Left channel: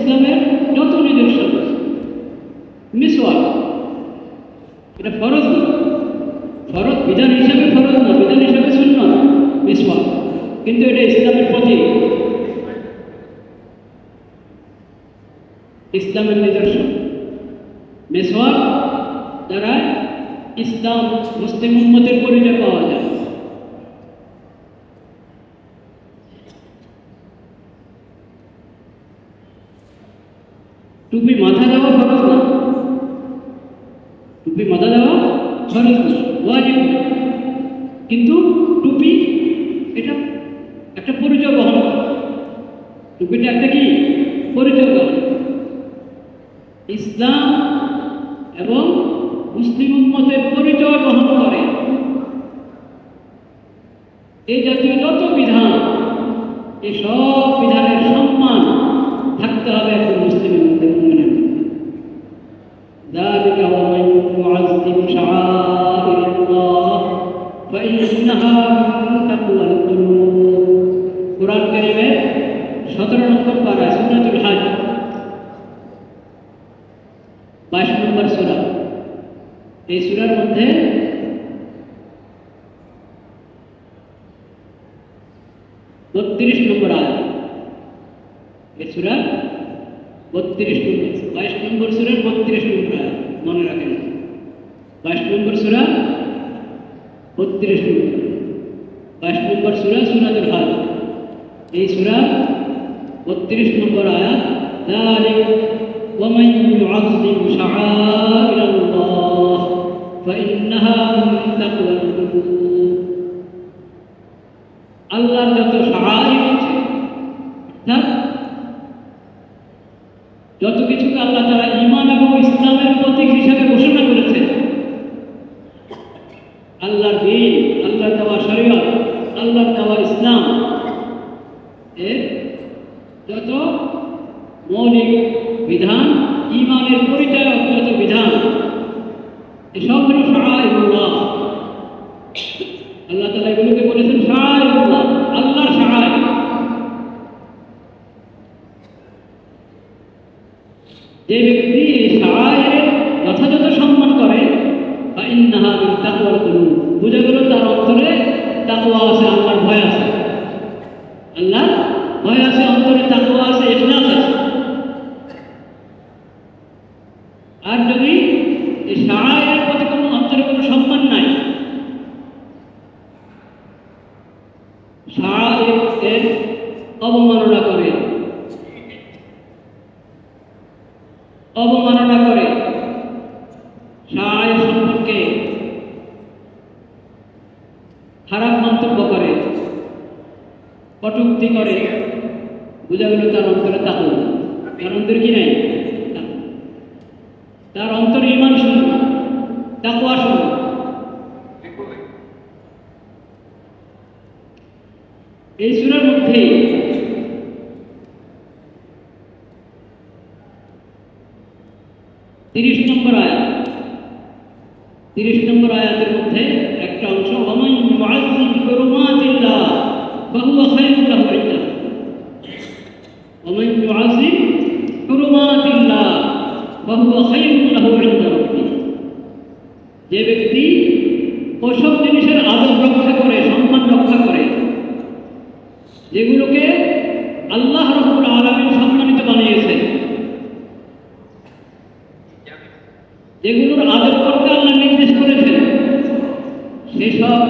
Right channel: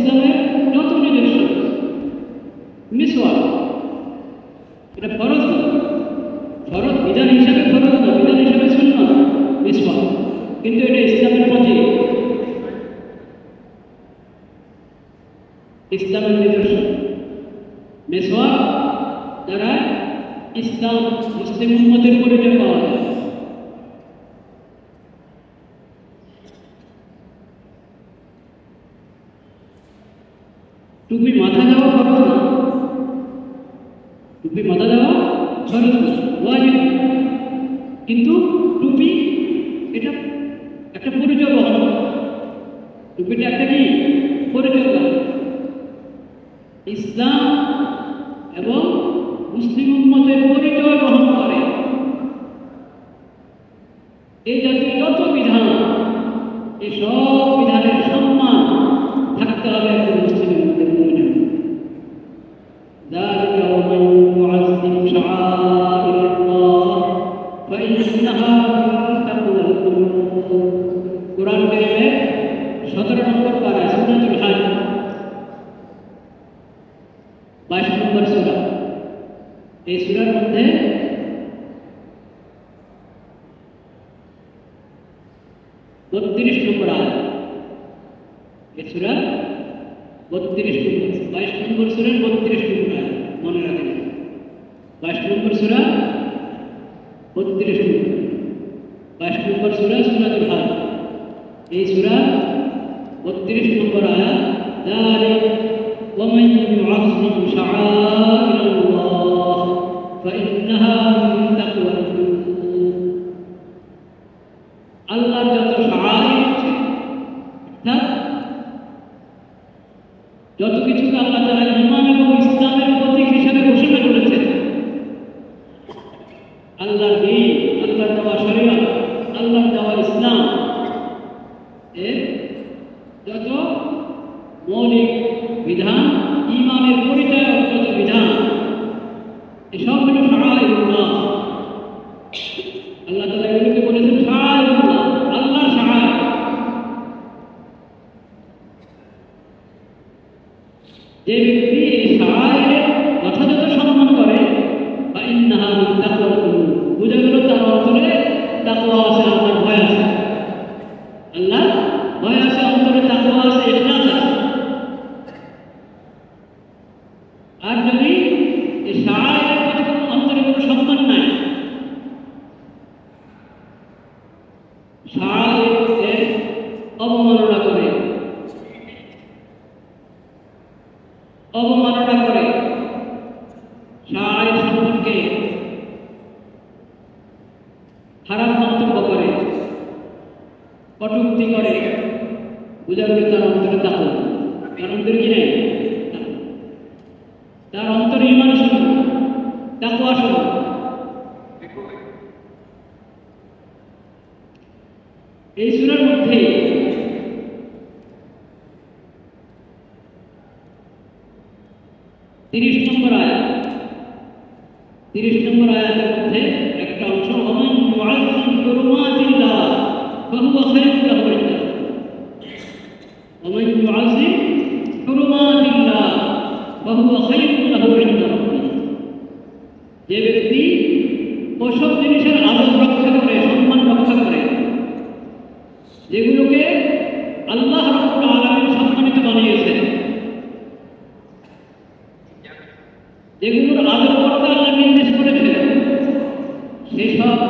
ইসলামের যত নিদর্শন মিসওয়াক এটা ফরজ না, ফরজ বিধান হিসাবে ফরজ না, বিধান হিসাবে সুন্নাত মিসওয়াক, কিন্তু এটা ইসলামের প্রতি ইসলামের নিদর্শন। মিসওয়াক দ্বারা ইসলাম মুসলিম উম্মতের পরিচয় পাওয়া যায়। টুপি মাথা দেওয়া ফরজ না, টুপি মাথা দেওয়া ফরজ না, ওয়াজিব, কিন্তু টুপি এটা একটা পরিচয় বহন করে, টুপিটা একটা কি পরিচয় বহন। ইসলাম এবং মুসলিম উম্মতের পরিচয় বহন করে। এই জাতীয় যত বিধান, এই সব বিধানের সম্মান থাকতে হবে একজন মুসলিম উম্মতের মনে। ذلك ومن يعظم شعائر الله فإنها من تقوى القلوب। কুরআন কারীমের 17 নম্বর পারা সূরাতুল হজ 22 নম্বর সূরা। এই সূরার মধ্যে 32 নম্বর আয়াত, এই সূরা 32 নম্বর, 22 নম্বর সূরা 32 নম্বর আয়াত মনে রাখবেন। 22 নম্বর সূরা 32 নম্বর, 22 নম্বর সূরা সূরাতুল হজ। এই সূরা 32 নম্বর আয়াত, ذلك ومن يعظم شعائر الله فإنها من تقوى القلوب। আল্লাহর যত শাআইর আছে, যত কিছুকে আল্লাহ তাআলা ঈমান এবং ইসলামের প্রতীক হিসেবে ঘোষণা করেছেন, আল্লাহর দ্বীন, আল্লাহর দেওয়া শরীয়ত, আল্লাহর দেওয়া ইসলাম এর যত মৌলিক বিধান, ঈমানের পরিচয়ক যত বিধান, এসব হল শাআইরুল্লাহ। আল্লাহ তাআলা এগুলোকে বলেছেন শাআইরুল্লাহ, আল্লাহর শাআইর। যে ব্যক্তি এই শাআইরের যথাযথ সম্মান করে, ফাইন্নাহা মিন তাকওয়াল কুলুব, বুঝে গেল তার অন্তরে তাকওয়া আছে, আল্লাহর ভয় আছে, আল্লাহর ভয় আছে, অন্তরে তাকওয়া আছে, ইখলাস আছে। আর যদি এই শাআইরের প্রতি কোনো অন্তরে কোনো সম্মান নাই, শাআইরের অবমাননা করে, অবমাননা করে, শাআইর সম্পর্কে খারাপ মন্তব্য করে, কটূক্তি করে, বুঝা গেল তার অন্তরে তাকওয়া, তার অন্তরে কি নাই, তার অন্তরে ঈমান শুরু, তাকওয়া শুরু। এই সূরার মধ্যে 30 নম্বর আয়াত, 30 নম্বর আয়াতের মধ্যে একটা অংশ, ওমান ইউআযিম হুরুমাতিল্লাহ ফাহুয়া খায়রুন লাহু ইনদাল্লাহ। ওমান ইউআযিম হুরুমাতিল্লাহ ফাহুয়া খায়রুন লাহু ইনদাল্লাহ। যে ব্যক্তি ওসব জিনিসের আদব রক্ষা করে, সম্মান রক্ষা করে, যেগুলোকে আল্লাহ রাব্বুল আলামিন সম্মানিত বানিয়েছেন, যেগুলোর আদব করতে আল্লাহ নির্দেশ করেছেন, সেসব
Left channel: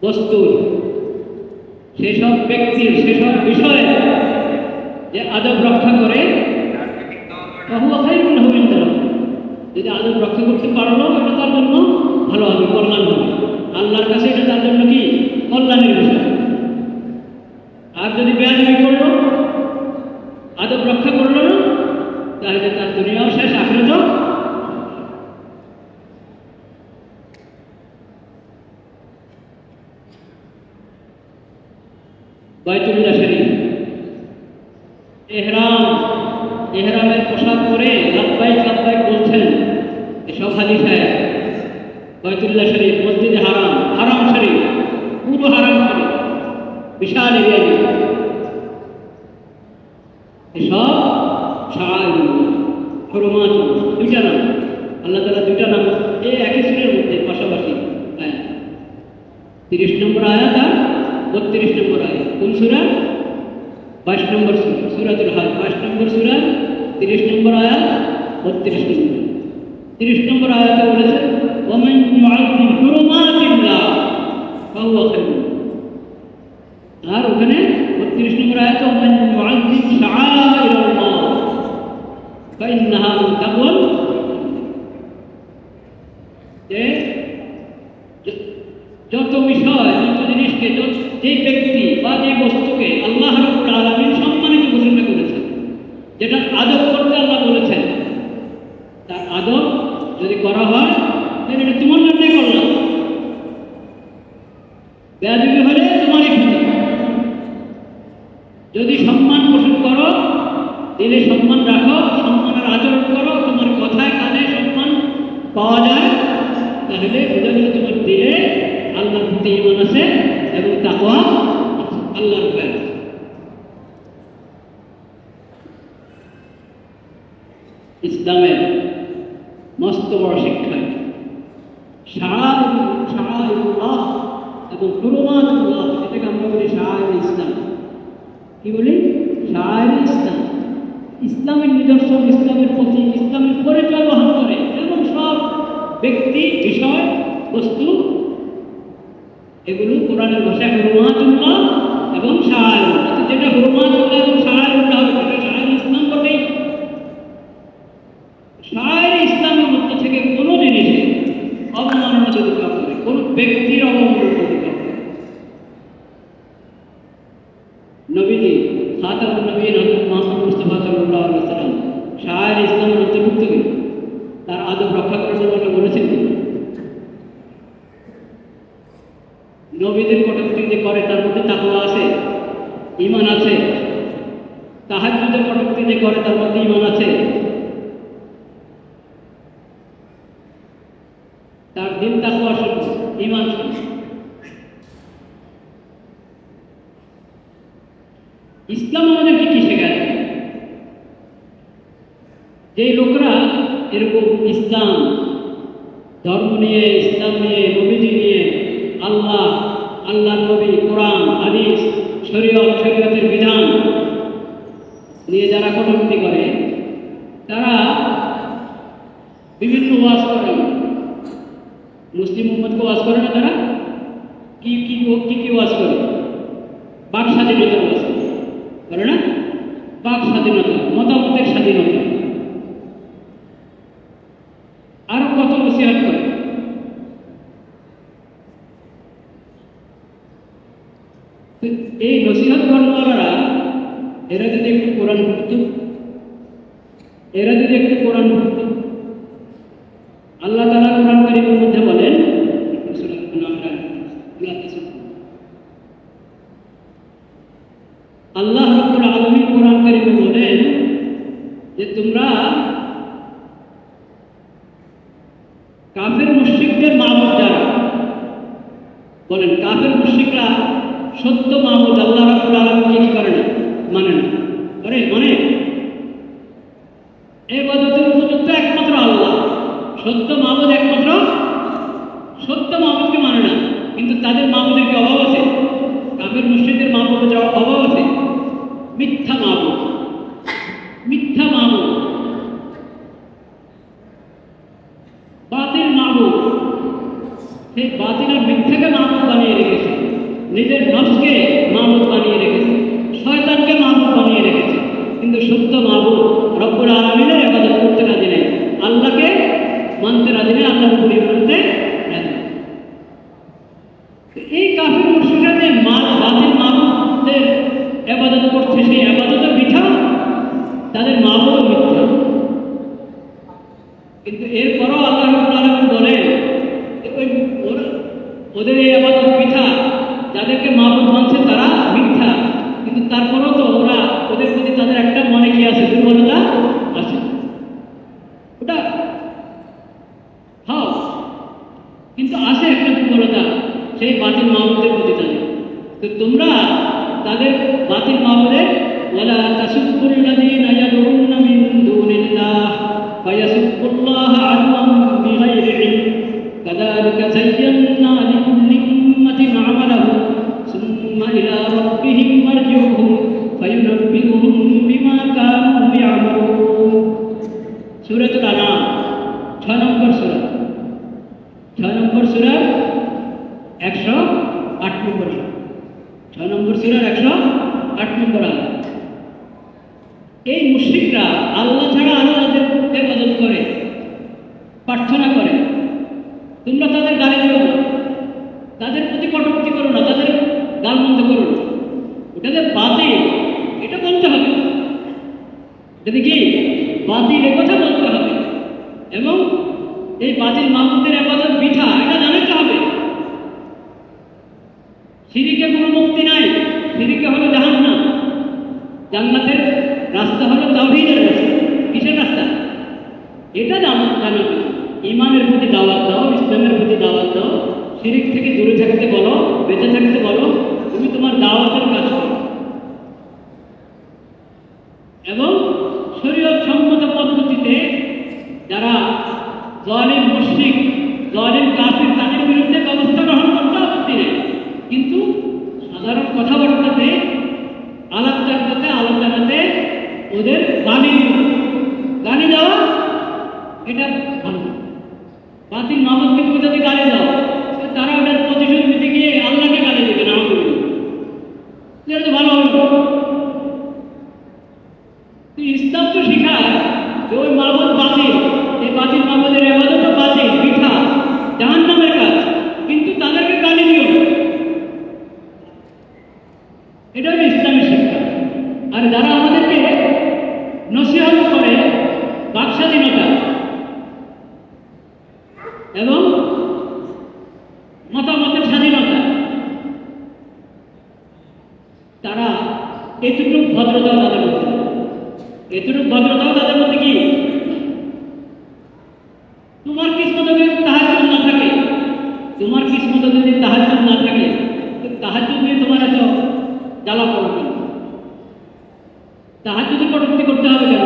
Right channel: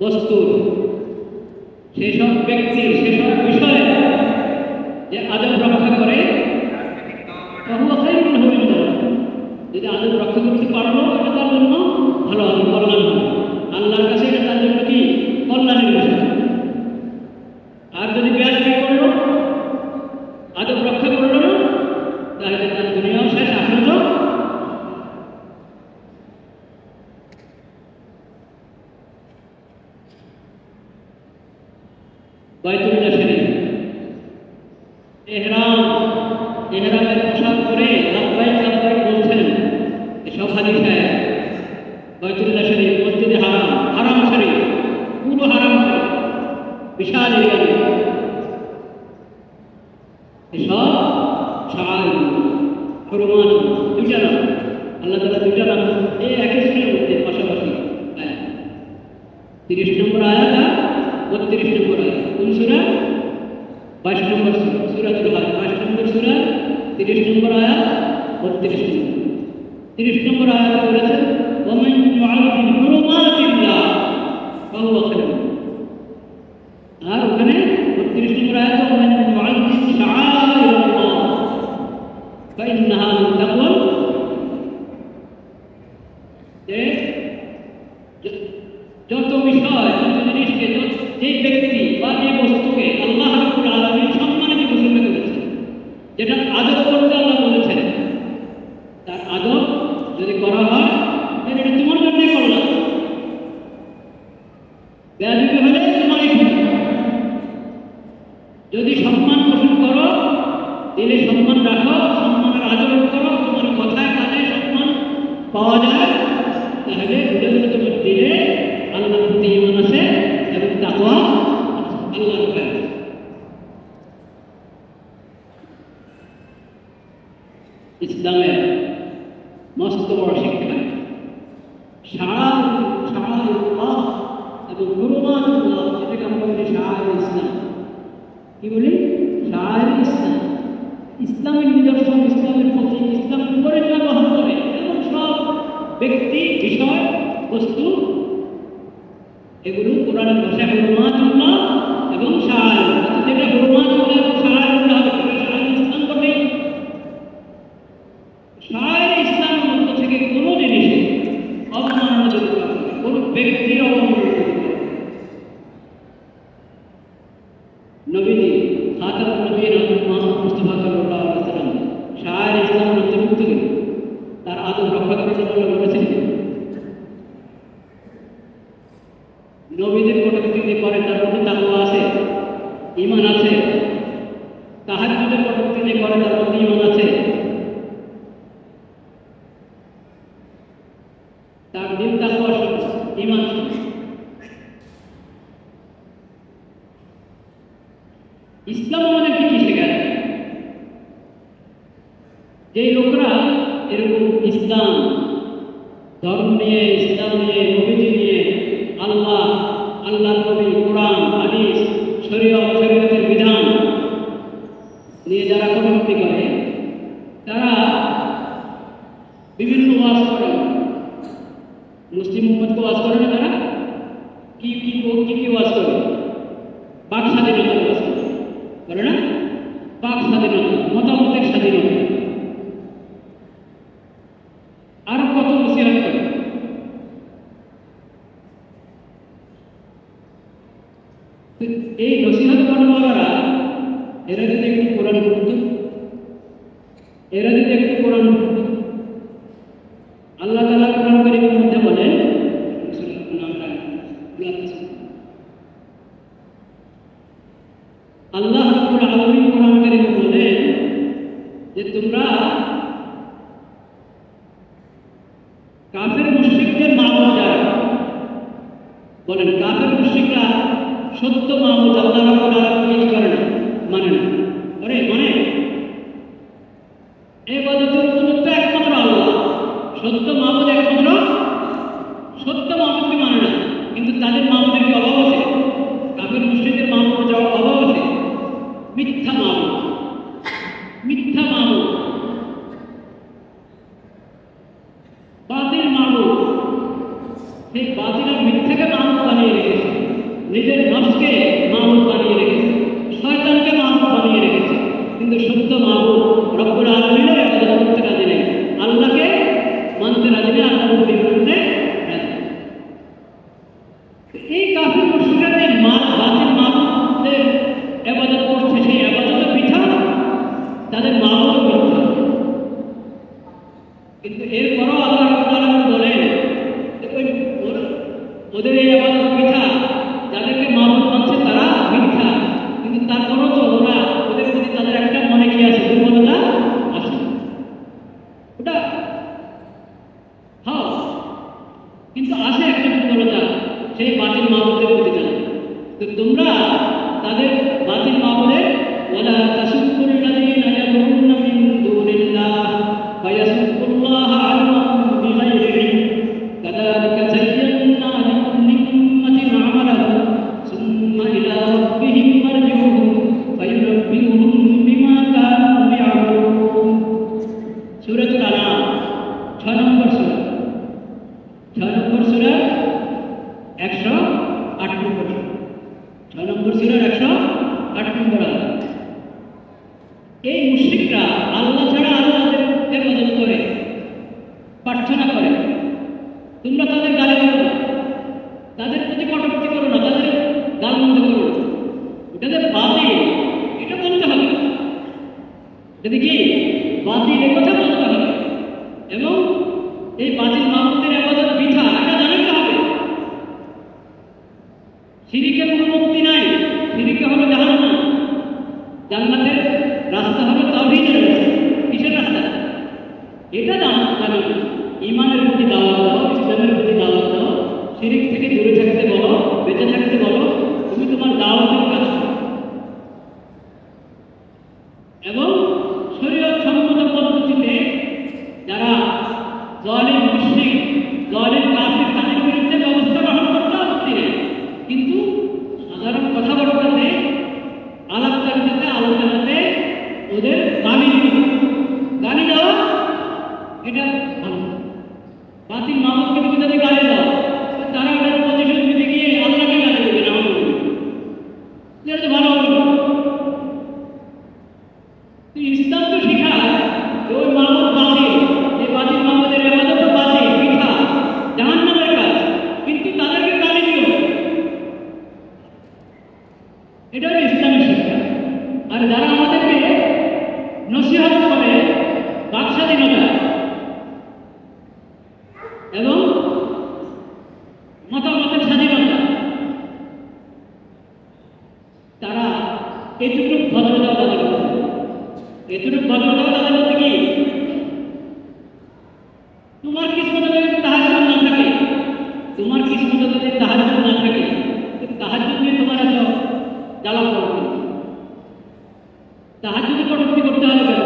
বস্তুর, সেসব ব্যক্তির, সেসব বিষয়ে যে আদব রক্ষা করে, যদি আদব রক্ষা করতে পারলো, এটা তার জন্য ভালো হবে, কল্যাণ হবে, আল্লাহর কাছে এটা তার জন্য কি কল্যাণের বিষয়। আর যদি বেয়াদবি করলো, আদব রক্ষা করলো না, তাহলে তার দুনিয়াও শেষ, আখিরাতও। বাইতুল্লাহ শরীফ, ইহরামের পোশাক পরে লাব্বাইক লাব্বাইক বলছেন, এসব হাদিসে বাইতুল্লাহ শরীফ, মসজিদে হারাম, হারাম শরীফ, পুরো হারাম শরীফ, বিশাল এরিয়া। এসব শাআইরুল্লাহ, হুরমাত, দুইটা নাম আল্লাহ তাআলা, দুইটা নাম এই একই সুরের মধ্যে পাশাপাশি। 30 নম্বর আয়াত আর 32 নম্বর আয়াত। কোন সূরা? 22 নম্বর সূরা, সূরাতুল হাজ, 22 নম্বর সূরা, 30 নম্বর আয়াত, 32 নম্বর। 30 নম্বর আয়াতে বলেছে ওয়ামান ইউআযিম হুরুমাতিল্লাহ ফাহুয়া খায়রুন। আর ওখানে 32 নম্বর আয়াতে ওয়ামান ইউআযিম শাআইরাল্লাহ ফাইন্নাহা মিন তাকওয়াল। যত বিষয়, যত জিনিসকে, যে ব্যক্তি বা যে বস্তুকে আল্লাহ রাব্বুল আলামিন সম্মানিত ঘোষণা করেছেন, যেটা আদব করতে আল্লাহ বলেছেন, তার আদব যদি করা হয় তাহলে এটা তোমার জন্যই করলাম, বেয়াদবি হলে তোমারই ক্ষতি। যদি সম্মান পোষণ করো, দিলে সম্মান রাখো, সম্মানের আচরণ করো, তোমার কথায় কাজে সম্মান পাওয়া যায়, তাহলে বুঝে বুঝে তোমার দিলে আল্লাহর প্রতি ঈমান আছে এবং তাকওয়া আছে, আল্লাহর ভয়। ইসলামের মস্ত বড় শিক্ষা শাআইরুল্লাহ এবং হুরমাতুল্লাহ, এটাকে আমরা বলি শাআইর ইসলাম। কি বলি? শাআইর ইসলাম। ইসলামের নিদর্শন, ইসলামের প্রতীক, ইসলামের পরিচয় বহন করে এমন সব ব্যক্তি, বিষয়, বস্তু, এগুলো কোরআনের ভাষায় হুরমাতুল্লাহ এবং শাআইরুল্লাহ। যেটা হুরমাতুল্লাহ এবং শাআইরুল্লাহ হবে সেটা শাআইর ইসলাম হবে। শাআইর ইসলামের মধ্য থেকে কোনো জিনিসে অবমাননা করতে হবে, কোনো ব্যক্তির অবমাননা করতে হবে। নবীজি খাতামুন নবীয়্যিন হযরত মুহাম্মদ মুস্তাফা সাল্লাল্লাহু আলাইহি ওয়াসাল্লাম শাআইর ইসলামের অন্তর্ভুক্ত করে তার আদব রক্ষা করার জন্য বলেছেন, নবীদের কটূক্তি যে করে তার মধ্যে তাকওয়া আছে, ঈমান আছে। তাহাজ্জুদের কটূক্তি যে করে তার মধ্যে ঈমান আছে। তার দিন তাকওয়া শুনে, ঈমান শুনে। ইসলাম আমাদেরকে কি শেখায়? যে লোকরা এরকম ইসলাম ধর্ম নিয়ে, ইসলাম নিয়ে, নবীজি নিয়ে, আল্লাহ, আল্লাহর নবী, কোরআন, হাদিস, শরীয়ত, শরীয়তের বিধান নিয়ে যারা কটূক্তি করে, তারা বিভিন্ন ওয়াজ করে। মুসলিম উম্মতকে ওয়াজ করে না তারা? কি কি কি ওয়াজ করে? বাক স্বাধীনতার ওয়াজ করে না? বাক স্বাধীনতা, মতামতের স্বাধীনতা, আর কত নসিহত করে। এই নসিহত কর্মীরা এরা যদি একটু কোরআন পড়ত, এরা যদি একটু কোরআন পড়ত, আল্লাহ তাআলা কোরআন কারীমের মধ্যে বলেন, আল্লাহ রাব্বুল আলামিন কোরআন কারীমে বলেন যে তোমরা কাফের মুশরিকদের মাবুদ যারা, বলেন কাফের মুশরিকরা সত্য মাবুদ আল্লাহ রাব্বুল আলামিন করে না, মানে না। আরে মানে ইবাদতের উপযুক্ত একমাত্র আল্লাহ, সত্য মাবুদ একমাত্র, সত্য মাবুদকে মানে না। কিন্তু তাদের মাবুদের কি অভাব আছে? কাফের মুশরিকদের মাবুদের যাওয়ার অভাব আছে? মিথ্যা মাবুদ, মিথ্যা মাবুদ, বাতিল মাবুদ। সেই বাতিল আর মিথ্যাকে মাবুদ বানিয়ে রেখেছে, নিজের নফসকে মাবুদ বানিয়ে রেখেছে, শয়তানকে মাবুদ বানিয়ে রেখেছে। কিন্তু সত্য মাবুদ রব্বুল আলামিনের ইবাদত করতে রাজি নেই, আল্লাহকে মানতে রাজি নেই, আল্লাহর উপর মানতে রাজি। এই কাফের মুশরিকরা যে বাতিল মাবুদের ইবাদত করছে, সেই ইবাদতের মিথ্যা, তাদের মাবুদও মিথ্যা। কিন্তু এরপরও আল্লাহ রাব্বুল আলামিন বলেন ওদের এই ইবাদত মিথ্যা, যাদেরকে মাবুদ মানছে তারা মিথ্যা। কিন্তু তারপরও তো ওরা, ওদের প্রতি তাদের একটা মনে কি আছে, দুর্বলতা আছে। ওটা হ্যাঁ, কিন্তু আছে একটা দুর্বলতা, সেই বাতিল মাবুদের প্রতি। তো তোমরা তাদের বাতিল মাবুদের ওয়ালা তাসুব্বুল্লাযী এই মুশরিকরা আল্লাহ ছাড়া আল্লাহদের ইবাদত করে, প্রার্থনা করে। তোমরা তাদের গালি করো না, তাদের প্রতি কটূক্তি করো না, তাদের গাল মন্দ করো না, এটাদের বাতিল, এটা বলতে হবে। যদি কি বাতিল এ কথা বলতে হবে, এবং এই বাতিল মাহমুদের আবাদত মিঠা এটা জানাতে হবে। শিরিকে কোনো মুক্তি নাই, শিরিকে হলো জাহান্নাম, জান্নাতের রাস্তা হলো তাওহীদের রাস্তা। কিসের রাস্তা? এটা জানাতে। ঈমানের প্রতি দাওয়াত দাও, ইসলামের প্রতি দাওয়াত দাও, শিরিক থেকে দূরে থাকতে বলো, বেঁচে থাকতে বলো, তুমি তোমার দাওয়াতের কাজ করো এবং শরীয়ত সম্মত পদ্ধতিতে যারা জালিম মুশরিক, জালিম কাফির, তাদের বিরুদ্ধে ব্যবস্থা গ্রহণ করতে আপত্তি নেই, কিন্তু সাধারণ কথাবার্তাতে, আলাপচারিতাতে, আলোচনাতে ওদের গালি দেওয়া এটা ভালো। বাতিল মাহমুদকে তুমি যদি গালি দাও, তারা ওদের প্রতিশোধ দিতে গিয়ে আল্লাহকে গালি দেবে না, হবে এটা তো ভালো হবে। ইসলাম তো শিখায় ওই মাহমুদ বাতিল, এই বাতিল মাহমুদের ইবাদত বাতিল, মিথ্যা, জাহান্নামের কাজ, কিন্তু তাদেরকে গালি দিও, এটা ইসলামের শিক্ষা। আর যারা আমাদেরকে নসিহত করে বাক স্বাধীনতা এবং মতামতের স্বাধীনতা, তারা এতটুকু ভদ্রতা তাদের মধ্যে, এতটুকু ভদ্রতাও তাদের মধ্যে কি? তোমার কিসমতে যদি তাহাজ্জুদ না থাকে, তোমার কিসমতে যদি তাহাজ্জুদ না থাকে, তাহাজ্জুদ দিয়ে তোমার এত জ্বালা পড়বে, তাহাজ্জুদে কটূক্তি করতে হবে কেন?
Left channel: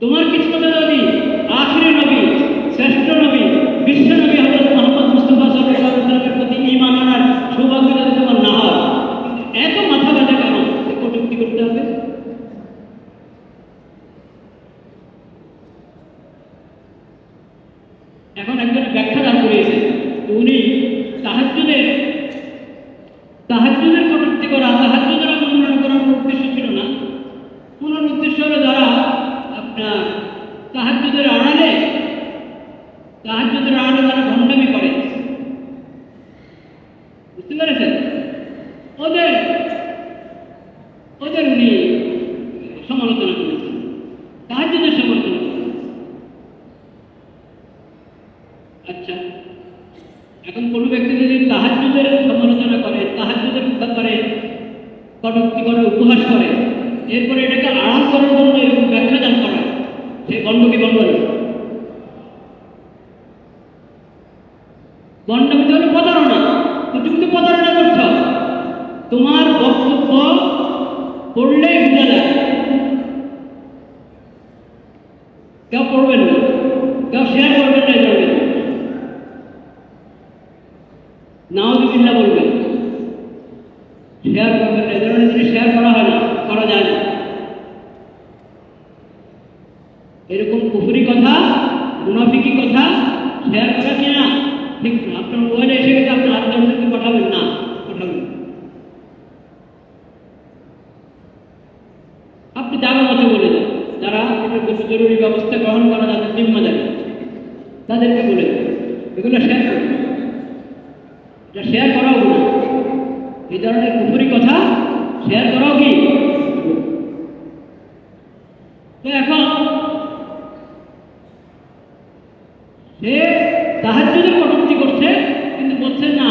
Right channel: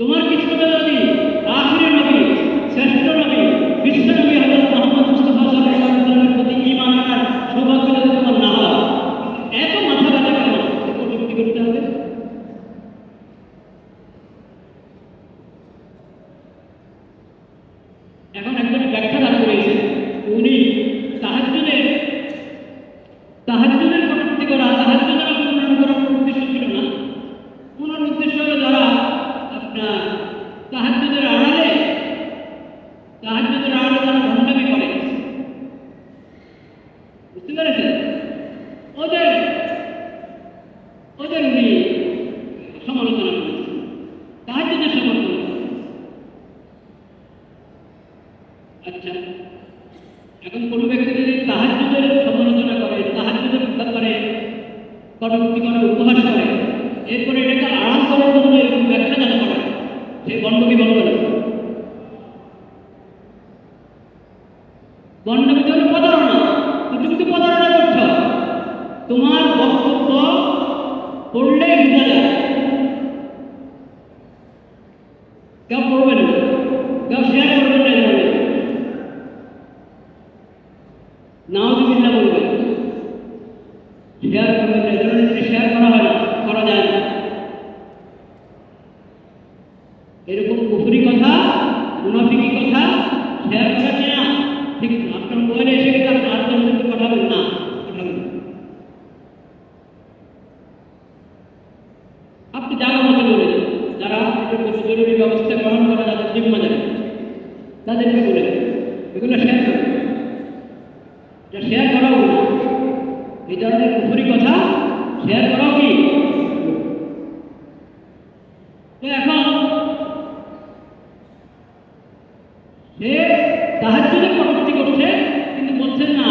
তোমার কিসমতে যদি আখিরে নবী, শ্রেষ্ঠ নবী, বিশ্ব নবী হযরত মুহাম্মদ মুস্তাফা সাল্লাল্লাহু আলাইহি ওয়াসাল্লামের প্রতি ঈমান আনার সৌভাগ্য যদি তোমার না হয়, এত মাথা ব্যথা কেন কটূক্তি করতে হবে? এখন একজন ব্যাখ্যা দান করেছে, উনি তাহাজ্জুদের কটূক্তি করা, তাহাজ্জুদের অবমাননা করার উদ্দেশ্য ছিল না। ওনার উদ্দেশ্য হলো যারা আপনার তাহাজ্জুদের আড়ালে যারা ভণ্ডামি করে, বুঝতে পেরেছেন? ওদের উনি সমালোচনা করেছেন, তাহাজ্জুদের সমালোচনা করেছেন। আচ্ছা, এখন কোনো ব্যক্তি যদি তাহাজ্জুদের সমালোচনা করে, তাহাজ্জুদের ব্যাপারে কটূক্তি করে, উপহাস করে, এরপরে এটাকে আড়াল করার জন্য এরকম ব্যবসা দান করে, সে বন্ধকে বন্ধ করে। বন্ধকে ধরে প্রতারণা, তুমি প্রতারণা করছ, তোমার বক্তব্য পড়লে বোঝা যায়, কেউ পড়বেন না, কেউ শেয়ার করবেন না, নাউযুবিল্লাহ বলবেন, শেয়ার করবেন না, কারণ শেয়ার করা হয় না, করা যায় না। এরকম কুফরি কথা, মুনাফিকি কথা শেয়ার করা যায় না, ঠিক না। আপনার মোবাইলে এসে গেছে, আপনার আত্মীয়দেরকে পাঠাবেন না, পাঠাবেন। আপনি জায়গা মতো বলে দেন, যারা জরুরি ব্যবস্থা গ্রহণ করা যাদের জিম্মা যাবে তাদেরকে বলে দেন, এগুলো শেয়ার করবেন, এটা শেয়ার করাও না। এই ধরনের কুফরি কথা শেয়ার করাও কি? তো এখন সে তাহাজ্জুদে কটূক্তি করছে, কিন্তু বলছেন না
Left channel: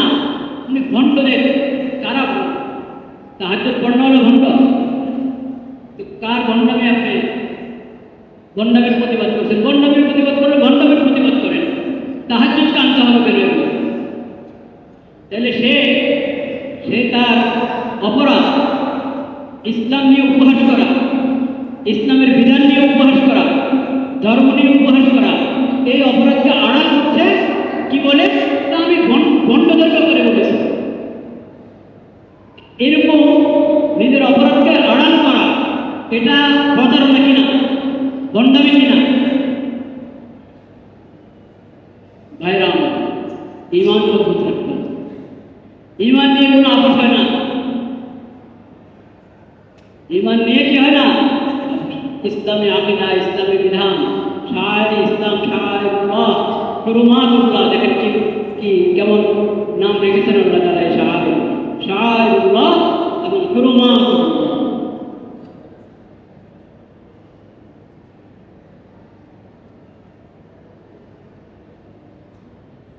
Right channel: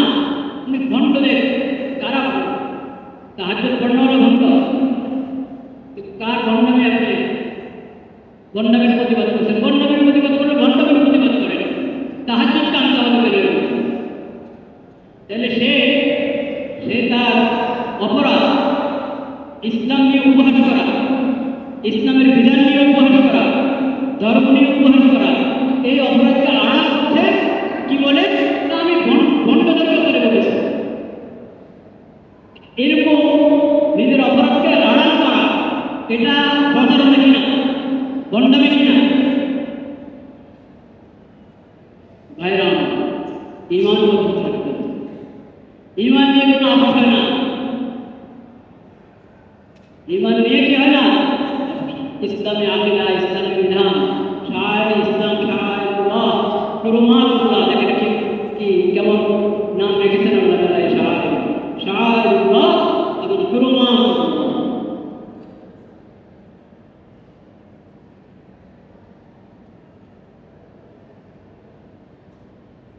উনি ভণ্ডদের কারা তাহাজ্জুদ ভণ্ড হলো ভণ্ড, কার ভণ্ডামি আপনি ভণ্ডামির প্রতিবাদ করছেন? ভণ্ডামির প্রতিবাদ করে ভণ্ডামির প্রতিবাদ করেন, তাহাজ্জুদকে আনতে হবে কেন? তাহলে সে তার অপরাধ ইসলাম নিয়ে উপহাস করা, ইসলামের বিধান নিয়ে উপহাস করা, ধর্ম নিয়ে উপহাস করা, এই অপরাধকে আড়াল করছে। কি বলে? আমি ভণ্ডদের ব্যাপারে বলেছি। এরকম নিজের অপরাধকে আড়াল করা, এটা প্রচারণা কিনা, ভণ্ডামি কিনা? ভাইরা, ঈমান মজবুত রাখতে হবে। ঈমান নিয়ে কোনো আপোষ হয় না। ইমান নিয়ে কি হয় না? ইসলামী আকিদা, ইসলামী বিধান, শায়ের ইসলাম, শায়েরুল্লাহ, কুরবানুল্লাহ, দেখেন কি কেমন নাম রেখেছেন আল্লাহ তাআলা। শায়েরুল্লাহ এবং কুরবানুল্লাহ।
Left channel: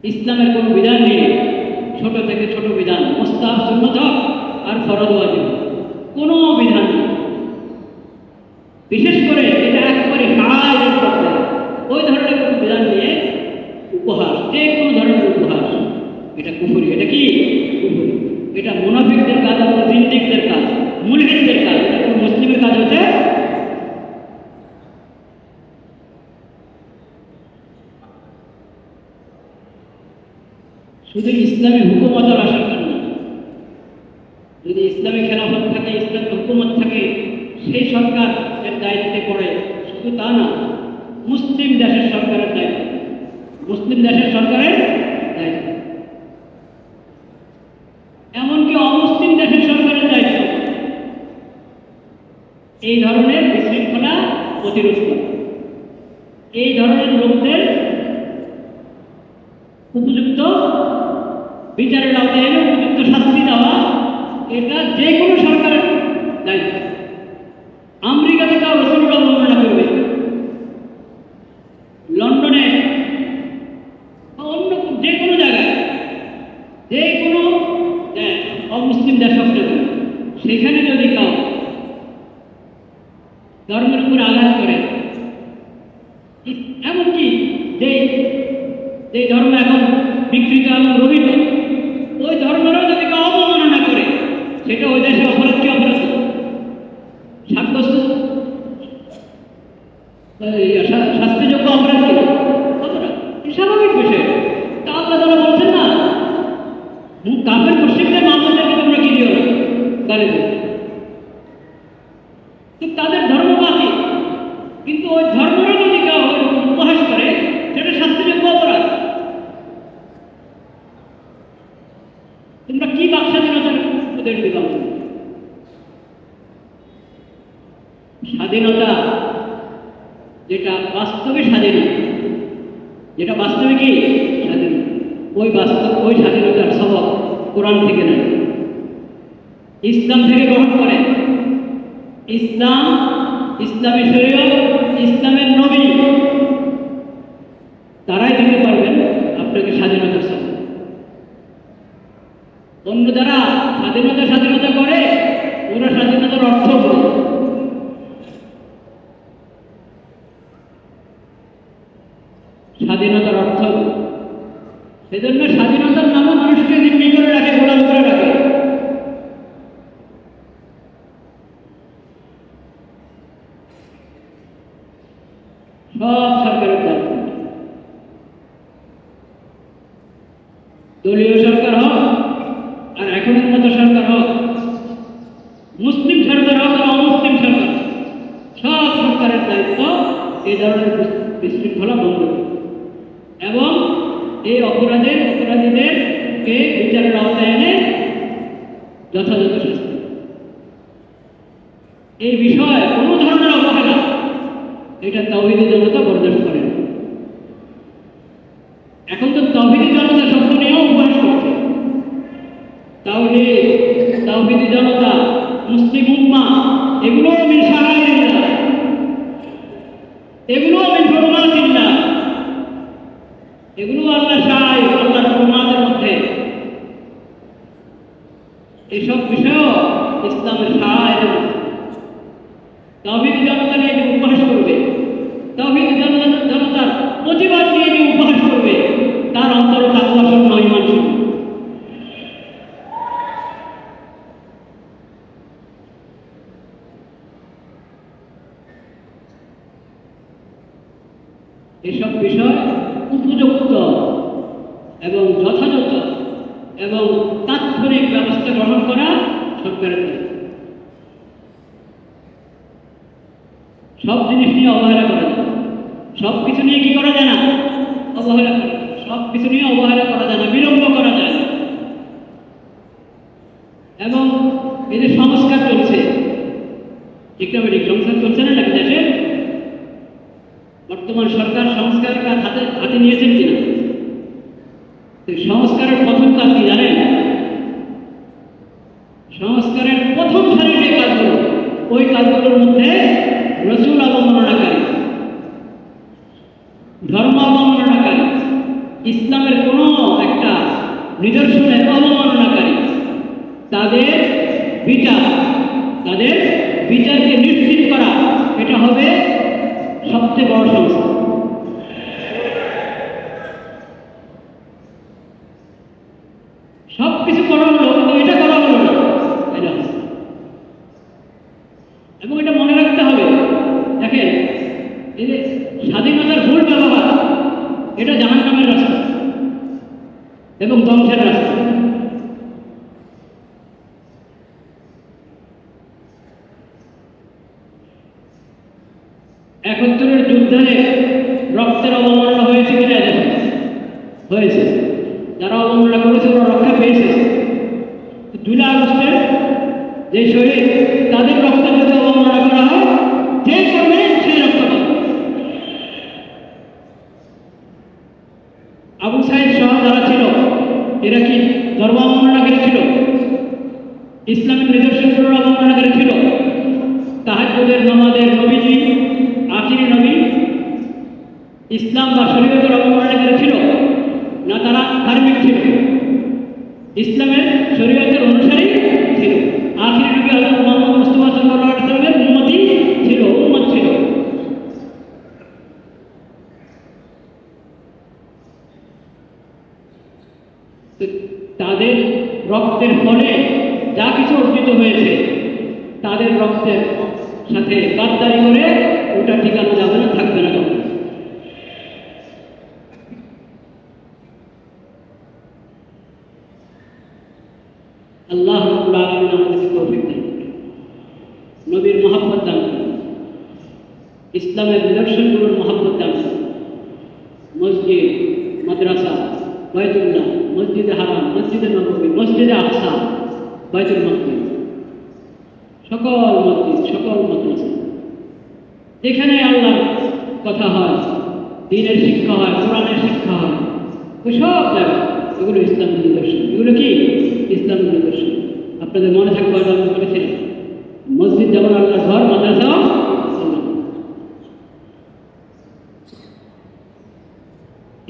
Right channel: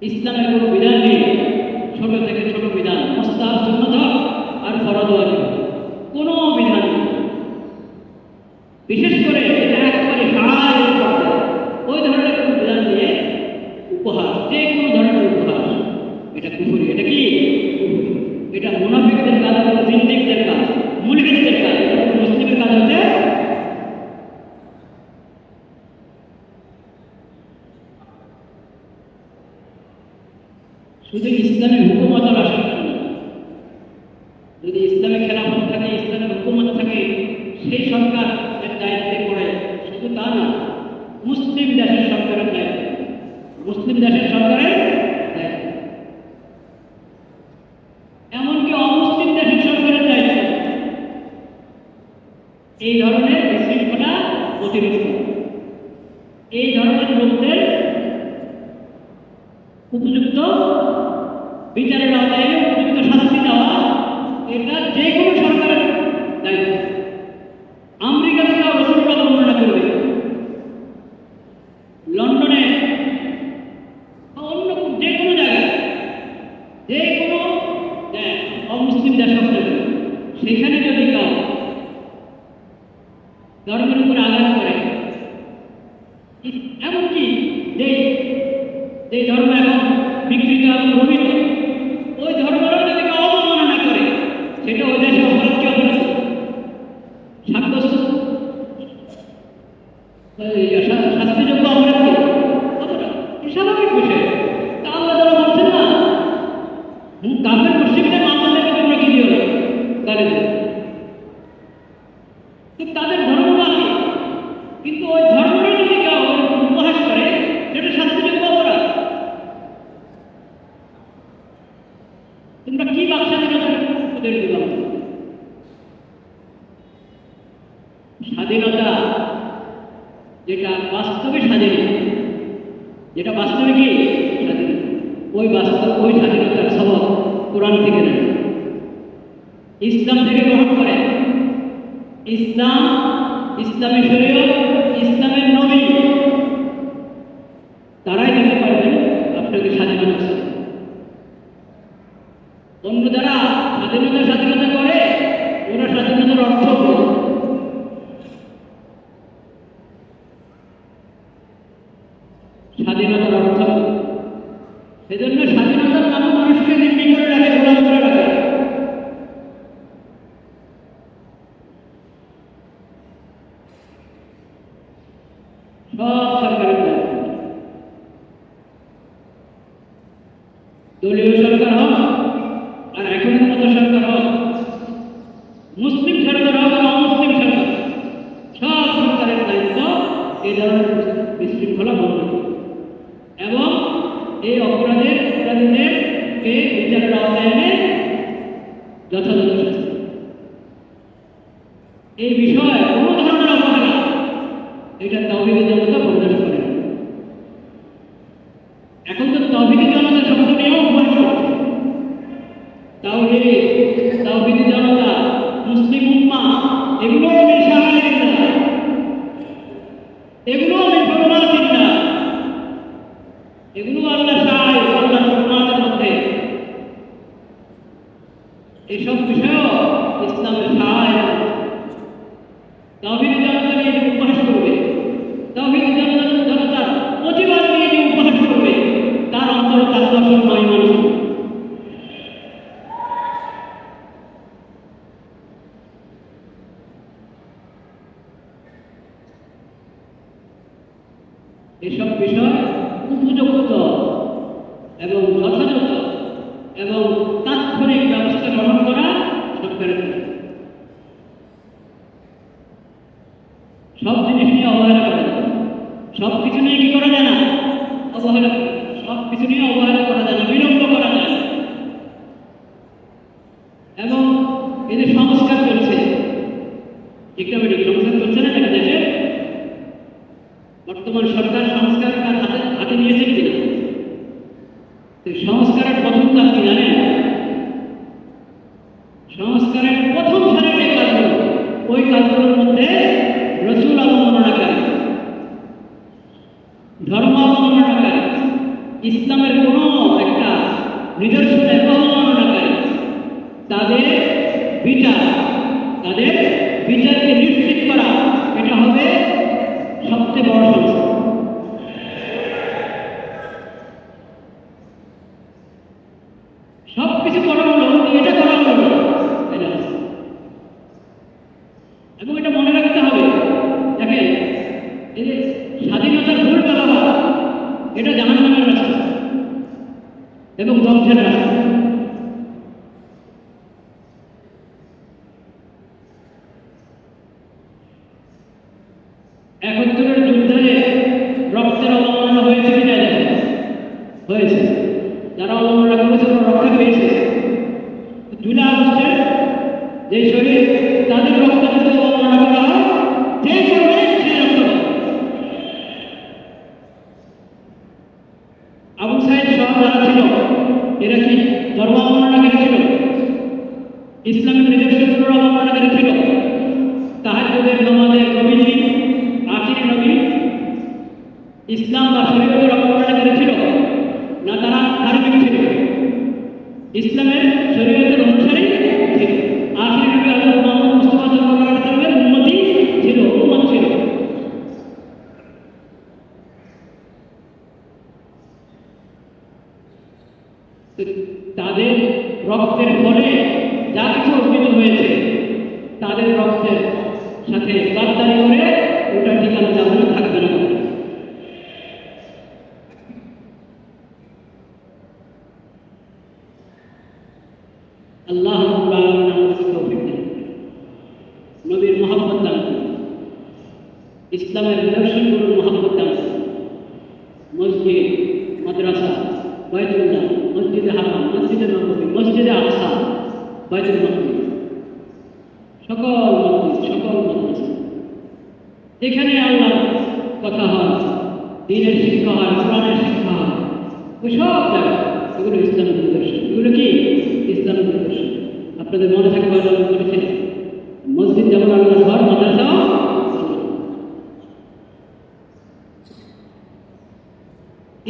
ইসলামের কোন বিধান নেই, ছোট থেকে ছোট বিধান, মুস্তাহাব, সুন্নাত আর ফরজ ওয়াজিব, কোনো বিধান নেই। বিশেষ করে এটা একেবারে ওই ধরনের কোনো বিধান নিয়ে উপহাস, এই কোনো ধরনের উপহাস, এটা কুফরি। এটা কি কুফরি? এটা মুনাফিকদের কাজ, জিন্দিকদের কাজ, মুলহিদদের কাজ। মুসলিমের কাজ হচ্ছে শুধু ইসলামী হুকুমতের আসার জন্য। যদি ইসলামী খেলাফত থাকে, ইসলামী হুকুমত থাকে, সেই সরকার দায়িত্বে করে, শুধু তা না, মুসলিম দেশের সরকারের দায়িত্ব, মুসলিম দেশের সরকারের দায়িত্ব, এমনকি অমুসলিম দেশের সরকারের দায়িত্ব এই ধরনের বিশৃঙ্খলা প্রতিরোধ করা, এই ধরনের লোকদের উপযুক্ত বিচারের আওতায় এনে উপযুক্ত শাস্তি দেওয়া, এটা যে কোনো সরকারের দায়িত্ব। আমেরিকাতে তাও রসুলুল্লাহ বর্ণনা করবে, লন্ডনে অন্য যে কোনো জায়গায়, যে কোনো অমুসলিম দেশ হবে, সেখানে যদি কেউ ধর্মের উপরে আঘাত করে, এমনকি যে ধর্ম এখন বিকৃত এবং রহিত, ওই ধর্মেরও যদি কেউ অবমাননা করে, সেটা ওই দেশে অপরাধ, কি অপরাধ? শাস্তিযোগ্য অপরাধ, অপরাধ, স্বাভাবিক বিষয়। তা আল্লাহ তাআলা বলছেন না, কাফের মুশরিকদের মামলা থেকে তোমরা কি দিও গালি দিও, তাদের ধর্ম বাকি, কিন্তু ওই ধর্মকে যদি কেউ উপহাস করে, সেটা শাস্তিযোগ্য অপরাধ। তোমরা কি স্বাধীনতার উপদেশ দিলাম? স্বাধীনতা যেটা বাস্তবে স্বাধীনতা, যেটা বাস্তবে কি স্বাধীনতা, ওই বাস্তব, ওই স্বাধীনতার সবক কোরআন থেকে নেয়, ইসলাম থেকে গ্রহণ করে। ইসলাম, ইসলামী শরীয়ত, ইসলামের নবী, তারাই দিতে পারবেন আপনাকে স্বাধীনতার সাথে। অন্য যারা স্বাধীনতা করে, ওরা স্বাধীনতার অর্থ করে। স্বাধীনতার অর্থ, সেজন্য স্বাধীনতার নামও মানুষকে জিম্মি করে রাখে, গোলাম করে রাখে। সব সরকারের দায়িত্ব, দলীয় সরকার হোক আর এখনের মতো সরকার হোক, মুসলিম সরকার হোক আর অমুসলিম সরকার, সব সরকারের দায়িত্ব এই ধরনের বিশৃঙ্খলা বন্ধ করা এবং এই অপরাধীদেরকে বিচারের আওতায় এনে যথাযথ শাস্তি। এই বিষয়ে কোনো ধরনের অবহেলা এটা তাওহীদি জনতা বরদাস্ত করে না। এখন তো তাওহীদি জনতা শব্দ নিয়েও উপহাস করছে। তাওহীদি জনতা, মুসলিম উম্মাহ, এগুলো মিন শাআইরিল্লাহ, এগুলো মিন হুরমাতিল্লাহ, এগুলো আল্লাহ শাআইর, আল্লাহ হুরমাতের মধ্যে। এইসব বিষয়ও ইসলামের শাআইর। তাওহীদি জনতা নিয়ে যে উপহাস করবে, তাওহীদি জনতার প্রতিবাদ নিয়ে যে উপহাস করবে, তার অন্তরে তাকওয়া সম্মান ঈমান ছিল। এসব বিষয় উপযুক্ত এবং যথাযথ এবং তাৎক্ষণিক ব্যবস্থা গ্রহণ করা সরকারের কাজ। সব জিনিস নিয়ে অবহেলা করা যায়, সব কিছু নিয়ে কি করা যায় না? অবহেলা করা, সব কিছু নিয়ে অবহেলা করা যায় না, বিলম্ব করা যায় না। এবং এদের সংস্কার চলছে, ইকোনমিক সংস্কার চলছে না নাকি দেশে? বর্তমান সরকার সংস্কারটা হাতে নিয়েছেন কিনা? সংস্কারের প্রথম কাজ কি জানেন? সংস্কারের প্রথম সারিতে কাজগুলো, ওই কাজগুলোর মধ্যে রসুল অবমাননাকারী, ধর্ম অবমাননাকারী, ইসলামের কোনো একটা নিদর্শনের অবমাননাকারী, তাদের বিচারকে নিশ্চিত করা, এটা হবে সবচেয়ে বড় সংস্কার। সবকিছু করা হলো, এটা করা হলো না, এবং এটা মনে রাখতে হবে। দেখেন, এই যে স্বাধীনতার ভুল ব্যবহার, এটা জাহান্নামের রাস্তা এবং ধ্বংসের রাস্তা। একাত্তরের যুদ্ধে রক্তের অবমাননা হয়েছে কিনা? হয়েছে। যারা অবমাননা করেছে ওরা রক্ষা পেয়েছে। জুলাই আগস্টের যে শহীদ, তাদের রক্তের যদি অবমাননা করা হয়, যে করবে সে রক্ষা পাবে। আবু সাইদ সহ যারা ছিল, এরা কি ধর্ম অবমাননাকারী ছিল? ইসলামিক নিদর্শনগুলোর অবমাননাকারী ছিল? তাহাজ্জুদের নামাজের নবীজি, আখিরি নবী, ইসলাম বা শরীয়তের অবমাননাকারী ছিল না? তারা ধার্মিক ছিল, ইসলামের শরীয়তের অনুসারী ছিল। আখিরি নবী হযরত মুহাম্মদ মুস্তাফা সাল্লাল্লাহু আলাইহি ওয়াসাল্লামের উম্মতি ছিল, উম্মত ছিল। তাদের রক্তের পরে যা কিছু অর্জিত হয়েছে, তাদের রক্তের সাথে গাদ্দারি করে ওটা ঠিকানা যাবে না, থাকবে না। আল্লাহ রাব্বুল আলামিন আমাদেরকে তৌফিক দান করুন, নবীর মহব্বত দান করুন, ইসলামের নিদর্শনগুলোর মহব্বত দান করুন। মসজিদ, মাদ্রাসা, বাইতুল্লাহ, মসজিদে হারাম, মসজিদে নববী, মসজিদে আকসা, বাইতুল মাকদিস, সকল মসজিদ, সকল মাদ্রাসা, যেখানে আল্লাহর কথা হয়, দ্বীনের শিক্ষা হয়, কোরআনের শিক্ষা হয়, ওই সব জায়গায় এগুলো ইসলামের নিদর্শন। এগুলো কি ইসলামের নিদর্শন? আপনাদের মনে থাকবে, আল্লাহ বলেছেন মসজিদ যেমন আল্লাহর ঘর, মাদ্রাসাও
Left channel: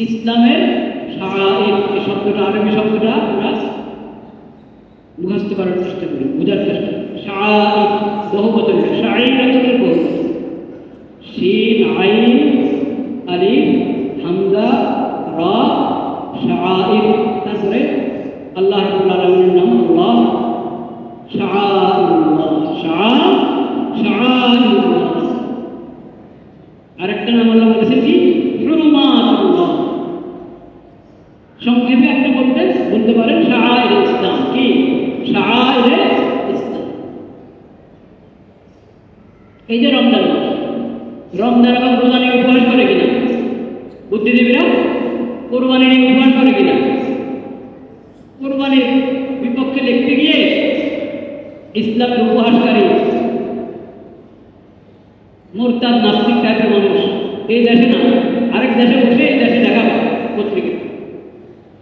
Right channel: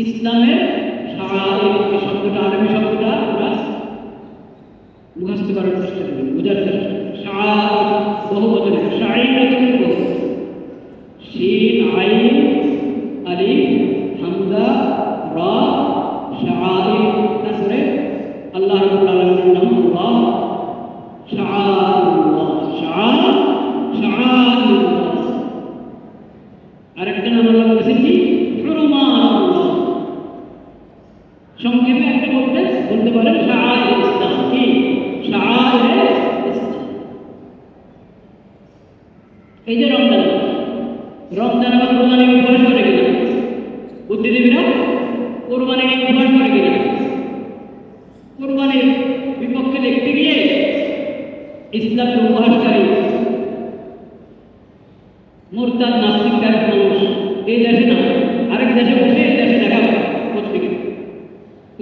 ইসলামের শাআইর। এই শব্দটা, আরবি শব্দটা আমরা মুখস্থ করার চেষ্টা করি, বোঝার চেষ্টা করি। শাআইর বহুবচন, শাআইর আসলে বহুবচন। শিন, আইন, আলিফ, হামজা, রা, শাআইর। তারপরে আল্লাহ রাব্বুল আলামিনের নাম আল্লাহ, শাআইরুল্লাহ, শাআইরুল্লাহ। আরেকটা নাম আল্লাহ বলেছেন কি? হুরুমাতুল্লাহ। সংক্ষেপে আপনি বলতে পারেন শাআইর ইসলাম। কি শাআইর ইসলাম? এই যে রমজান, রমজান আবার রোজা নিয়ে উপবাস করে কিনা? বুদ্ধিজীবীরা কোরবানি নিয়ে উপবাস করে কিনা? কোরবানির বিপক্ষে দেখতে গিয়ে ইসলামের উপহাসকারী মুরতাদ নাস্তিক টাইপের মানুষ এই দেশে না, আরেক দেশে বসে এই দেশে দেখা পত্রিকা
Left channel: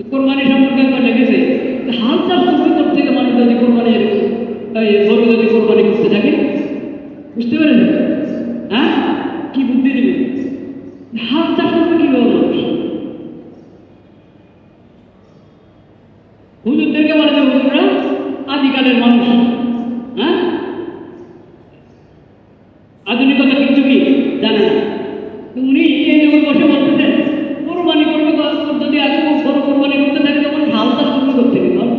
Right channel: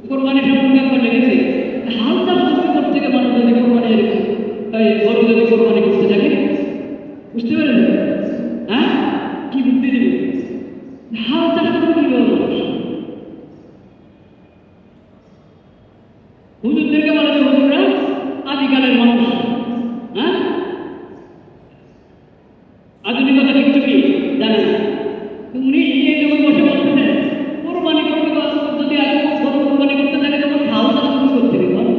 কোরবানি সম্পর্কে আমরা দেখেছি। হালচাল সম্পর্ক থেকে মানুষ যদি কোরবানি গরু যদি কোরবানি করতে থাকে, বুঝতে পেরেছেন? হ্যাঁ, কি বুদ্ধি দেবে? হালচাল সম্পর্কে কিভাবে মানুষ হুজুরদেরকে বলা যায় হুজুররা আদিকালের মানুষ। হ্যাঁ, আধুনিকতা কিন্তু কি জানে না। উনি এই যুগে বসে বলতেছেন কোরবানি করবে, যদি আজ গরু কোরবানি করতে থাকে তখন হাল চাষ শুরু করতে হবে।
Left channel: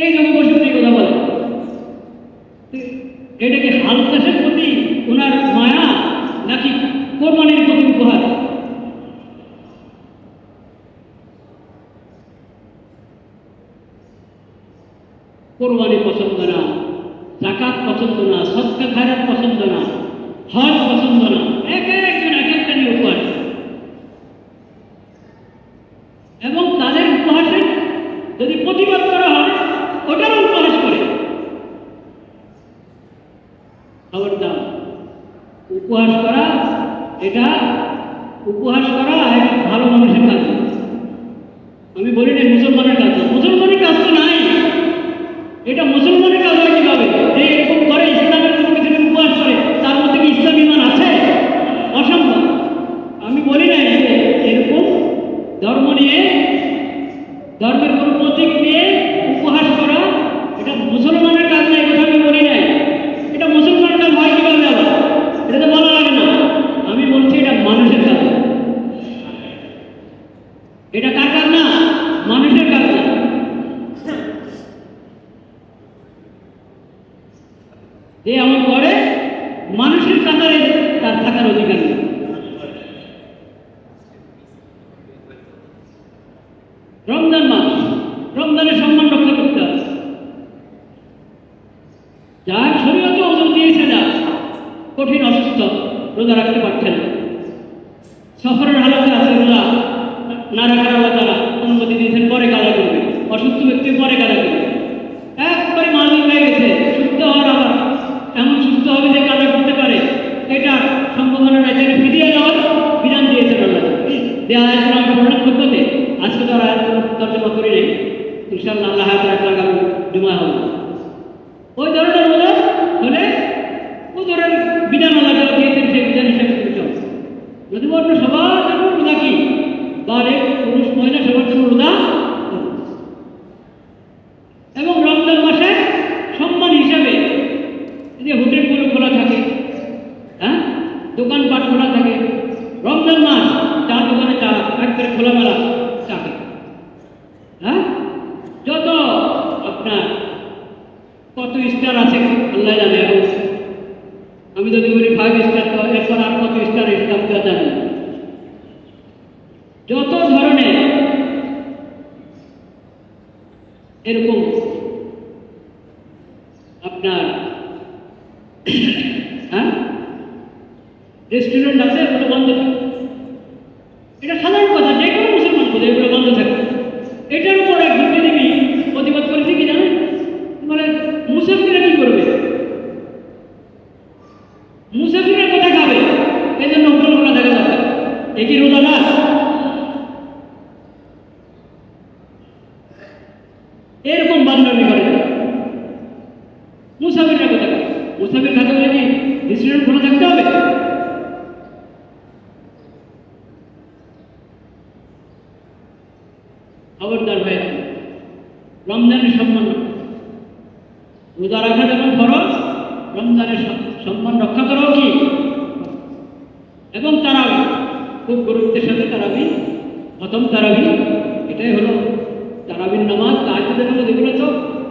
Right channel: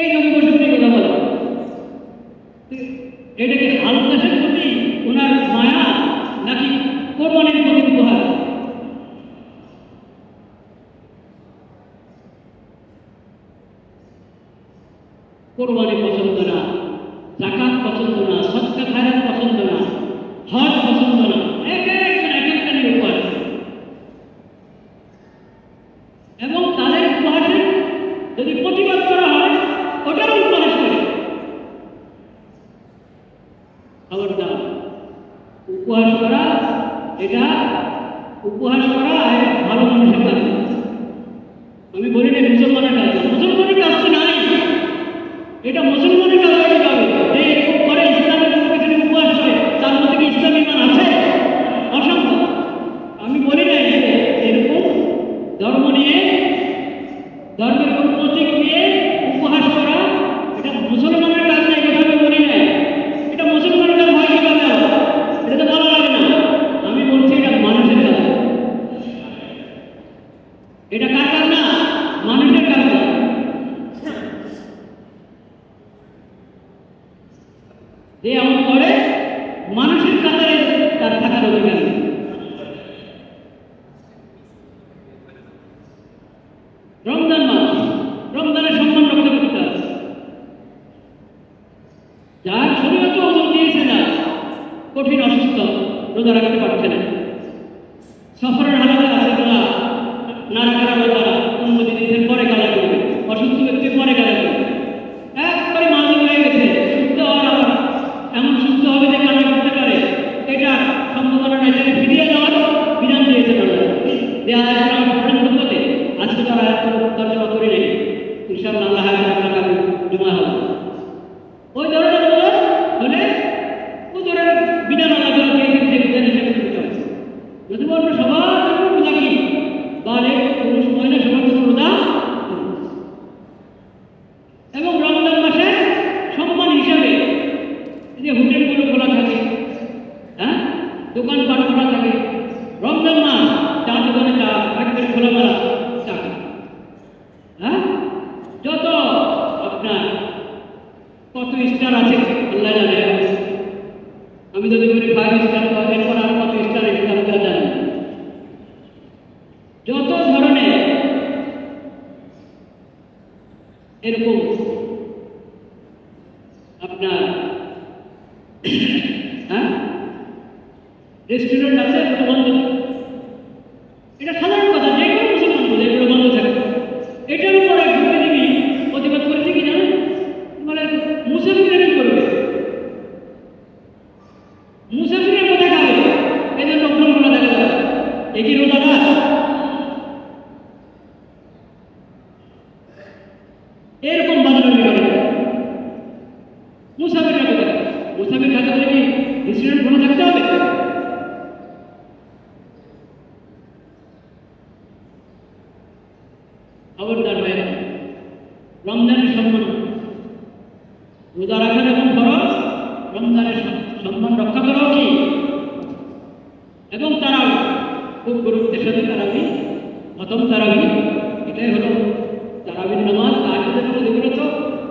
এই যুগে বসে উনি কথা বলে, এটাকে হাল চাষের প্রতি ওনার মায়া নাকি কোরবানির প্রতি উপহার? কোরবানি পছন্দ না, যাকাত পছন্দ না, সদকা খায়রাত পছন্দ না, হজ পছন্দ না, এক একটা উপহার। এবং তাদের উপহাসের যদি প্রতিবাদ করা হয়, ওটাও উপহাস করে। খবরদার উপহাস করা, এটা উপহাস করা ভালো মানুষের কাজ। আমি বলি না মুসলমানের কাজ, মুসলমানের কাজ তো নাই, এটা মুসলমানের কাজ হয় কিভাবে? এরকম করে ইসলামের উপরে উপহাস করে, তার মধ্যে কি ইসলাম ইমান আছে? অসম্ভব। আমি বলি না এরকম ধর্ম নিয়ে, ধর্মের কোনো প্রতীক নিয়ে উপহাস করা এটা মুসলমানের কাজ নেই, এটা আমি বলি নাই। এটা মুসলমানের কাজ হয় কিভাবে? এটা তো ভালো লাগে না। আমি বলছি এটা মানুষের কাজ। এটা কার কাজ না? মানুষের কাজ না। যে এমন করে মানুষের কাতারে তার থাকার অধিকার নেই। রমজান মাস, রমজানের সম্মান রক্ষা করতে হবে। যার শরীয়ত ওজন দিয়েছে না, কঠিন অসুস্থ, রোজা রাখতে পারছে না, সফরের হালতে আছে, রোজা না রাখার আলাদা অনুমতি দিয়েছেন, পরে কাজা করবে, অসুস্থ ব্যক্তি পরে কাজা করবে। একবারে মালিক হয়ে গেছে, সুস্থ হওয়ার আবার এমন সুস্থ হবে যে কাজা করতে পারে, এটা সম্ভাবনা নাই। যাকে ফিরিয়ে দেওয়ার বিধান দিয়েছেন ওটা দেওয়া আমি প্রধান করতে আজকে তো আর তর্জমা করি নেই, ইনশাআল্লাহ আল্লাহ আগামী জুমা হবে। ওই ধরনের হলে ওই ধরনের বিধান আলাদা করে দিয়েছেন, যে বিধান হিসেবে যদি বলবো সবার জন্য রোজা কি বারে পুরুষ মহিলা সবার জন্য রোজা। এবং রমজান মাসে সম্মান হিসাবে যে হোটেলগুলো খোলা থাকে, হ্যাঁ, দোকানপাট খোলা থাকে, রমজান মাস চা দোকানে চা ফ্যাক্টরি খোলামেলা থাকে, হ্যাঁ, যত আপনার কত স্টার আছে আল্লাহ জানে। আমি যদি বলি 5 স্টার, তো এরপর আর কত স্টার এটা আমরা জানি। যত ধরনের এরকম আপনার হ্যাঁ রেস্টুরেন্ট আছে, এগুলো বন্ধ থাকে। এটা সাধারণ কথা, যে কোনো মুসলমান বলে এগুলো বন্ধ থাকে। এটার উপর এক বুদ্ধিজীবী প্রতিবাদ করেছে কি জানেন? মানে মুসলমানরা কি করবে? মুসলমানরা কোথায় খাবে? এই জন্য অন্য রোজা দেখা যাবে। একই রোজা না, এরকম বান্ধবী হবে। মুসাফিররা কোথায়? মুসাফির থাকতে হলে কি রেস্টুরেন্ট খোলা থাকতে হবে? খবরদার ভাই, রমজানের সম্মান, রোজা রাখা যেমন খরচ, রমজানের সম্মান রক্ষা করা উচিত। এবং তারাবি খুব গুরুত্বের সাথে তারাবি, খতম তারাবি, এটাই হলো তারাবির নামাজ। তাহাজ্জুদের মধ্যে এগুলো তো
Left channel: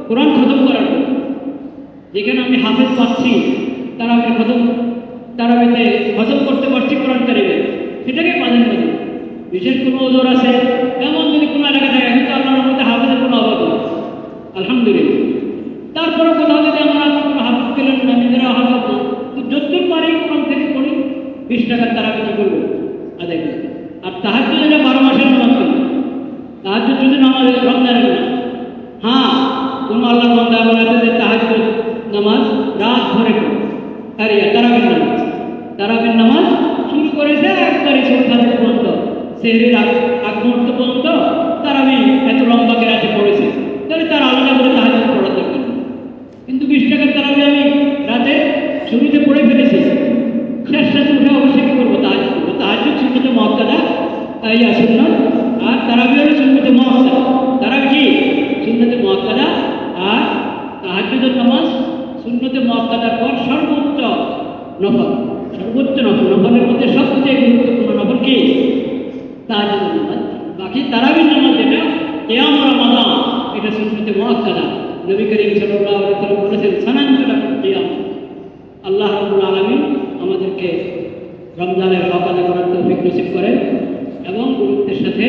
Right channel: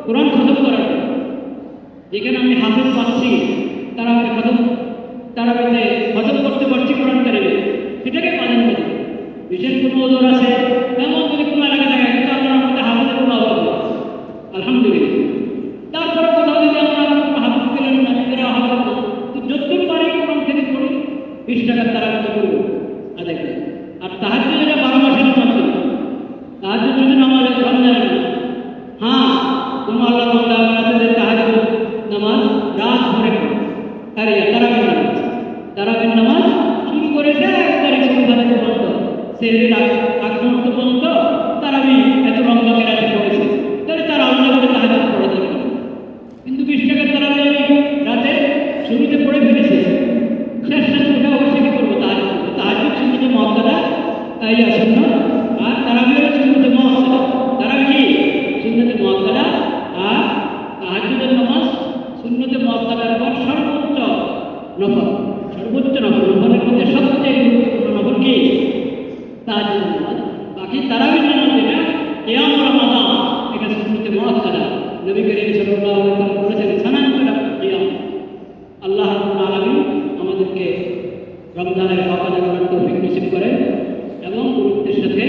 কোরআন খতম করার, যেখানে আমি হাফেজ পাচ্ছি, তারাবি খতম, তারাবিতে খতম করতে পারছি কোরআন কারিমে, সেটাকে পালন করি। বিশেষ কোনো ওজোর আছে, এমন যদি কোনো এলাকা থাকে কিন্তু আপনার মধ্যে হাফেজের কোনো অভাব নেই, আলহামদুলিল্লাহ। তারপর কোথাও যদি আমরা হাফেজ পেলাম না, নিজেরা হাফেজ না, তো যতদূর পারি কোরআন থেকে পড়ি, 20 টাকার তারাবি কি করবো আদায় করি। আর তাহাজ্জুদ যেটা 12 মাসের নামাজ করি, তাহাজ্জুদ যদি নামাজ রমজানের না, হ্যাঁ কোনো আল্লাহ বান্দা আছে যে তাহাজ্জুদ নামাজ রাত ধরে তারাবির নামাজ, তারাবির নামাজ শুরু করেছে একবারই সন্ধ্যা পর্যন্ত, সেদিন আগ মুহূর্ত পর্যন্ত তারাবি এত রমজানের রাতে পড়েছে, তাহলে তার আলাদা করে তাহাজ্জুদ পড়া দরকার। কিন্তু 20 টাকার তারাবি আমি রাতে শুরুতে পড়ে ফেলেছি, শেষ সাথে উঠে অবশ্যই কি করবো? তাহাজ্জুদ করবো। তাহাজ্জুদ সুন্নতে মুআক্কাদা, তাই সুন্নাহ, আর তারাবি হলো সুন্নতে মুআক্কাদা। তারাবি কি সুন্নতে মুআক্কাদা, আর তাহাজ্জুদের নামাজ সুন্নতে মুআক্কাদার পর সর্বোচ্চ নফল, সর্বোচ্চ নফল, নফলের মধ্যে সবচেয়ে গুরুত্বপূর্ণ নফল কি? তাহাজ্জুদের নামাজ। বাকি তারাবির নামাজ যেটা কিয়াম রমাদান, এটা সুন্নতে মুআক্কাদা। নবী করিম সাল্লাল্লাহু আলাইহি ওয়াসাল্লাম বলেছেন সানান করা কিয়াম। আল্লাহ রাব্বুল আলামিন আমাদেরকে রমজানের হক আদায় করার তৌফিক নসিব করেন এবং গুরুত্বের সাথে